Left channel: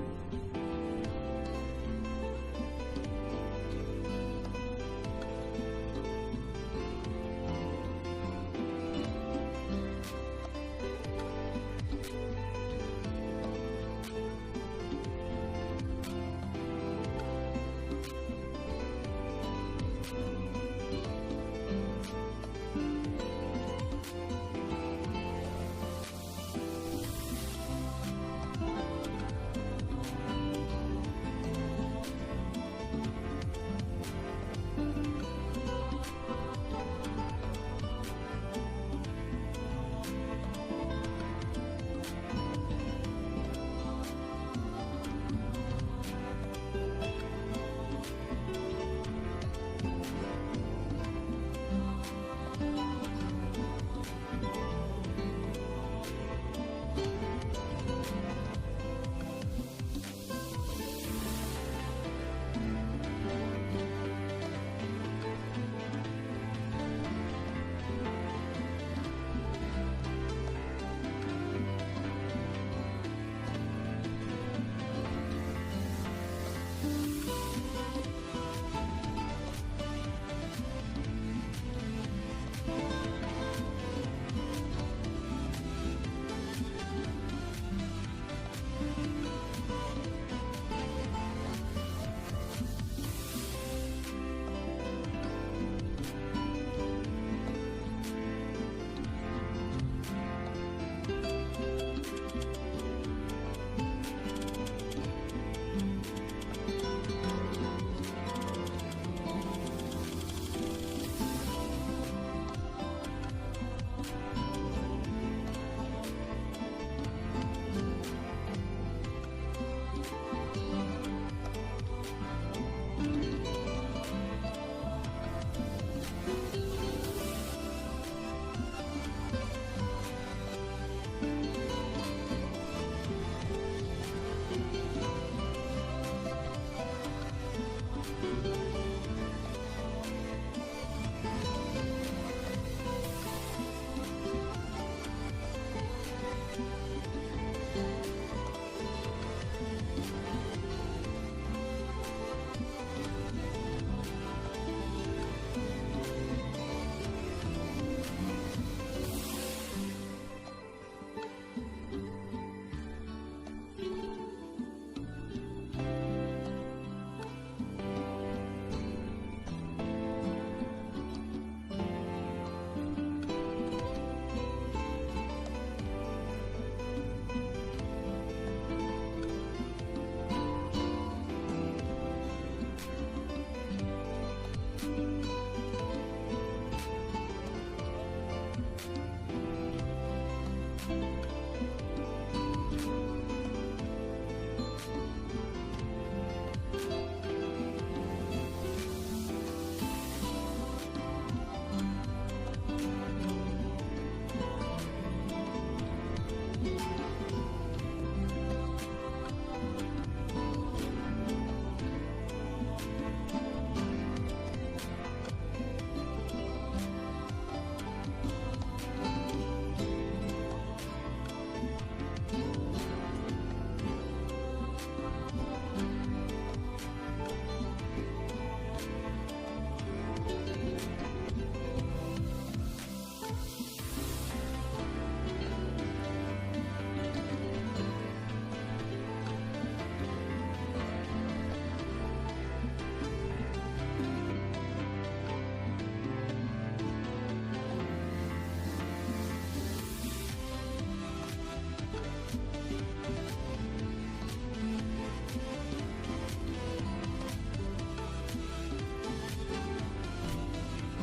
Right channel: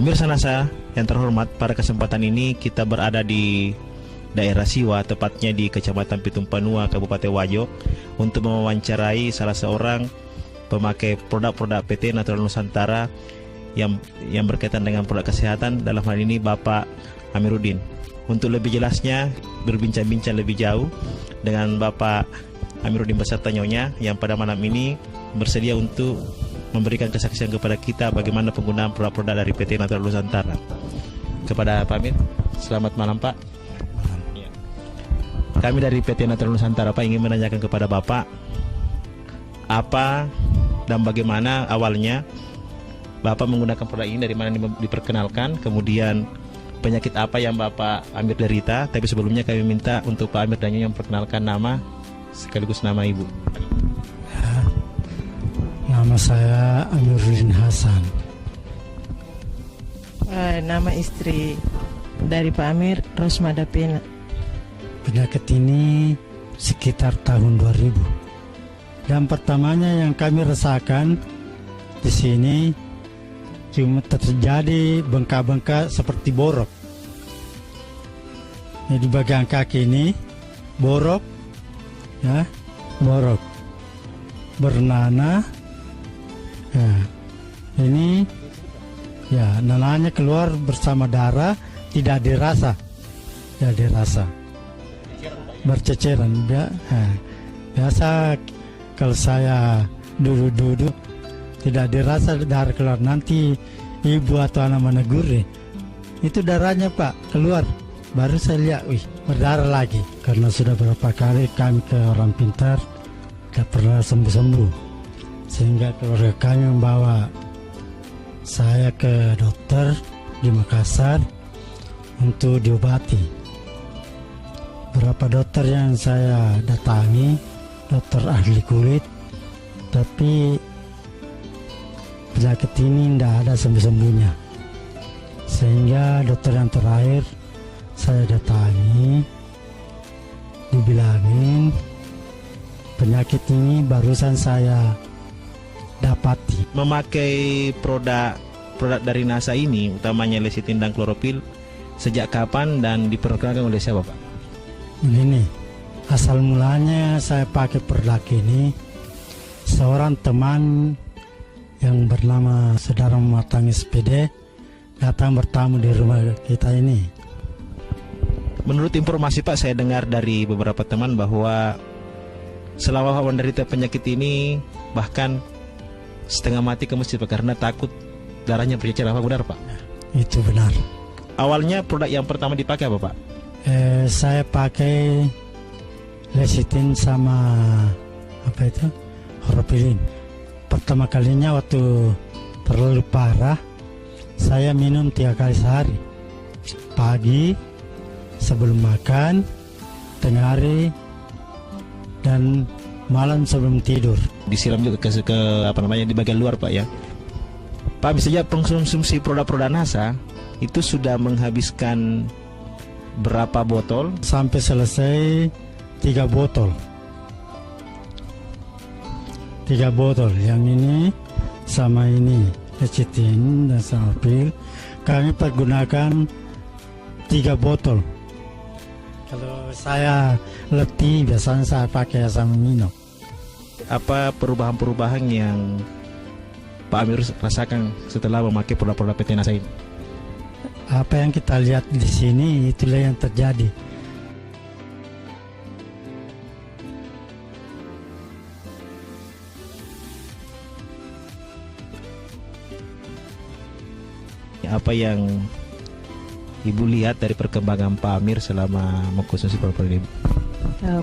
Pemirsa NASA yang terhormat, pada kesempatan ini kita berada di daerah Siwa, tepatnya di Kecamatan Pitumpanua, Kabupaten Wajo, untuk mewawancarai salah seorang pemakai produk-produk PT Natural Nusantara yang berkaitan dengan produk kesehatan, dalam hal ini Bapak Amiruddin. Untuk lebih jelasnya, berbincang-bincang lebih jauh dengan Bapak Amiruddin beserta nyonya yang pada malam ini bersedia untuk memberikan kesaksian kepada kita bagaimana penggunaan produk-produk dari PT Natural Nusantara. Kepada Pak Amir, selamat malam Pak. Kami dari PT Natural Nusantara Pak ingin menanyakan kepada Bapak apa dan bagaimana awalnya Bapak menggunakan produk ini, dari mana diperkenalkan, kemudian penyakit apa yang Bapak Amir derita. Tapi sebelumnya kami minta untuk Pak Amir dan Nyonya memperkenalkan nama sekaligus nama Ibu. Nama saya Amiruddin Hasan. Nama istri dari Pak Amir, Rosmada Pena. Penyakit ini sekitar tahun 2000. Dan pertamanya yang kami rasakan di sini cuma terjadi bengkak-bengkak seperti borok. Di bagian kaki ini borok, ya, borok bernanah. Ya, ini ya nanahnya keluar bersama darah, tidak dirasa, berceceran. Biasa kalau saya duduk tidak dirasa darah keluar, nanti ibu atau anak menegur itu darahnya Pak keluar, baru saya lihat, wih berdarah lagi. Karena sudah berapa kali kami ke orang pintar tidak pernah sembuh-sembuh, sehingga keluarga kami membawa saya ke dokter di Makassar untuk diobati. Berapa dokter yang saya datangi, dokter ahli kulit, tapi penyakit ini tidak ada sembuh-sembuhnya. Sehingga dokter yang terakhir saya datangi, dibilangin penyakit ini barusan saya dapati. Memakai produk dari NASA ini, utamanya lecitin dan klorofil, sejak kapan dan diperkenalkan oleh siapa Pak? Begini, asal mulanya saya pakai produk ini, seorang teman yang bernama Saudara Matang SPD datang bertamu di rumah kita ini. Menurut informasi Pak, saya dengar dari beberapa teman bahwa selama Pak menderita penyakit ini bahkan setengah mati ke masjid Pak, karena takut darahnya bercecer. Apa benar Pak? Itu benar. Awalnya produk yang pertama dipakai apa Pak? Saya pakai lecitin sama apa itu, klorofil. Pertama kalinya waktu terlalu parah, saya minum 3 kali sehari, pagi sebelum makan, tengah hari, dan malam sebelum tidur. Disiram juga ke di bagian luar Pak ya. Pak, misalnya konsumsi produk-produk NASA itu sudah menghabiskan berapa botol? Sampai selesai 3 botol. 3 botol. Yang ini sama ini lecitin dan klorofil. Kami pergunakan 3 botol. Kalau saya letih, biasanya saya pakai asam amino. Apa perubahan-perubahan yang Pak Amir rasakan setelah memakai produk-produk PT NASA ini? Apa yang kita lihat di sini, itulah yang terjadi. Apa yang Ibu lihat dari perkembangan Pak Amir selama mengkonsumsi produk ini?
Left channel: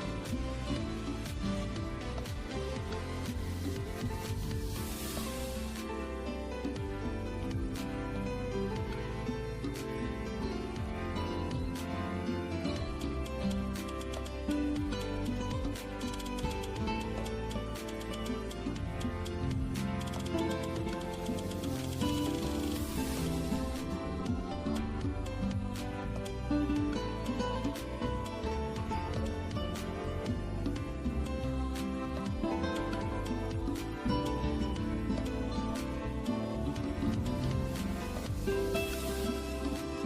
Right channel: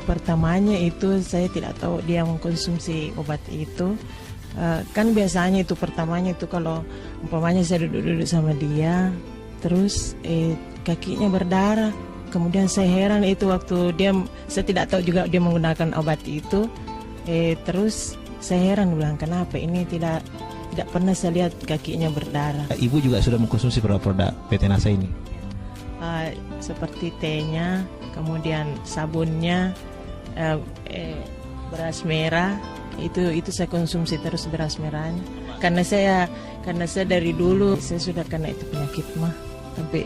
Pertamanya itu saya tidak tahu dia mengkonsumsi obat itu. Kan biasanya itu pertamanya itu kalau umpamanya saya duduk-duduk sama dia, terus kakinya berdarah. Kemudian saya heran itu waktu saya tidak tahu juga dia menggunakan obat itu. Terus saya heran, bilang kenapa ini tidak pernah saya lihat kakinya berdarah. Ibu juga sudah mengkonsumsi produk-produk PT NASA ini? Seperti tehnya, kemudian sabunnya, beras merah itu saya konsumsi terus beras merahnya karena saya dari dulu saya sudah kena itu penyakit mah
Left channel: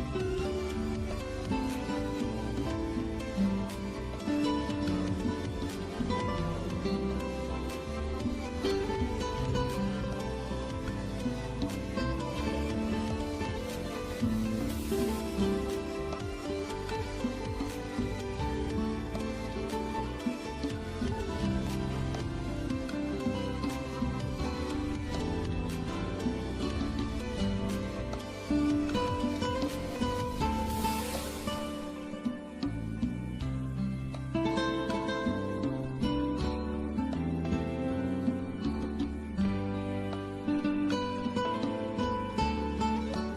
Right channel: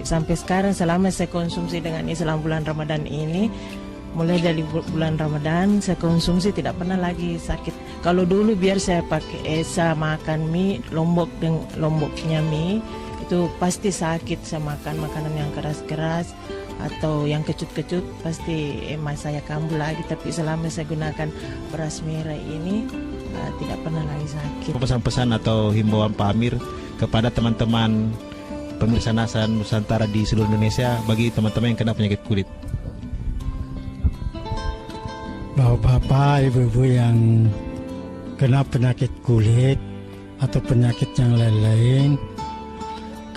sampai sekarang selama saya konsumsi dengan Islam bulan Ramadan ini, mulai dari bulan Ramadan saya konsumsi tidak pernah lagi sakit. Kalau dulu biar saya pakai makan mie lomboknya mie itu pasti sakit, saya makan makanan yang keras-keras atau yang kecut-kecut pasti emas saya kambuh lagi. Tapi selama saya gunakan beras merah ini tidak pernah lagi sakit. Pesan-pesan atau himbauan Pak Amir kepada teman-teman pemirsa NASA Nusantara di seluruh Indonesia bagi teman-teman yang kena penyakit kulit. Bapak-bapak, ibu-ibu yang kena penyakit kulit atau penyakit yang lain-lain,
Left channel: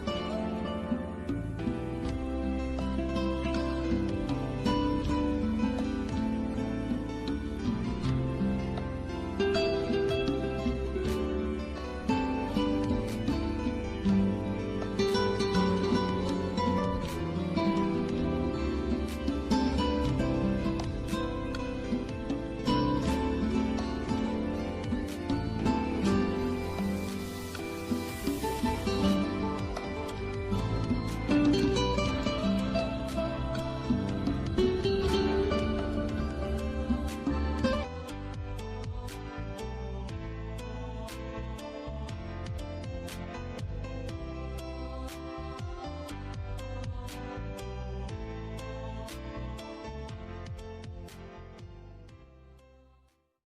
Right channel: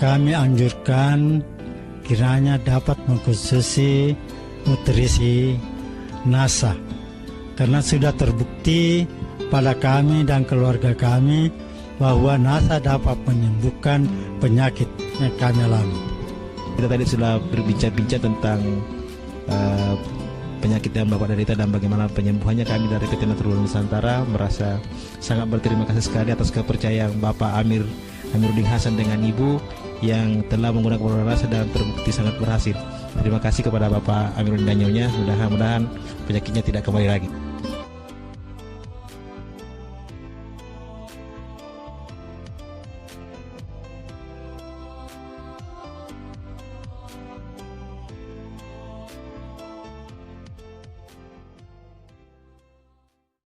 kami anjurkan kiranya dapat mengkonsumsi nutrisi NASA karena sudah terbukti pada kami dan keluarga kami bahwa NASA dapat menyembuhkan penyakit yang kami alami. Kita tadi sudah berbincang-bincang tentang penyakit yang Bapak derita dan bagaimana penyembuhannya. Kami dari PT Naturul Nusantara merasa sangat berterima kasih sekali atas kepercayaan Bapak Amiruddin Hasan dengan Ibu yang telah menggunakan produk NASA dan terbukti sangat berhasil. Terima kasih kepada Bapak Amiruddin dan Nyonya. Mudah-mudahan penyakitnya tidak kembali lagi.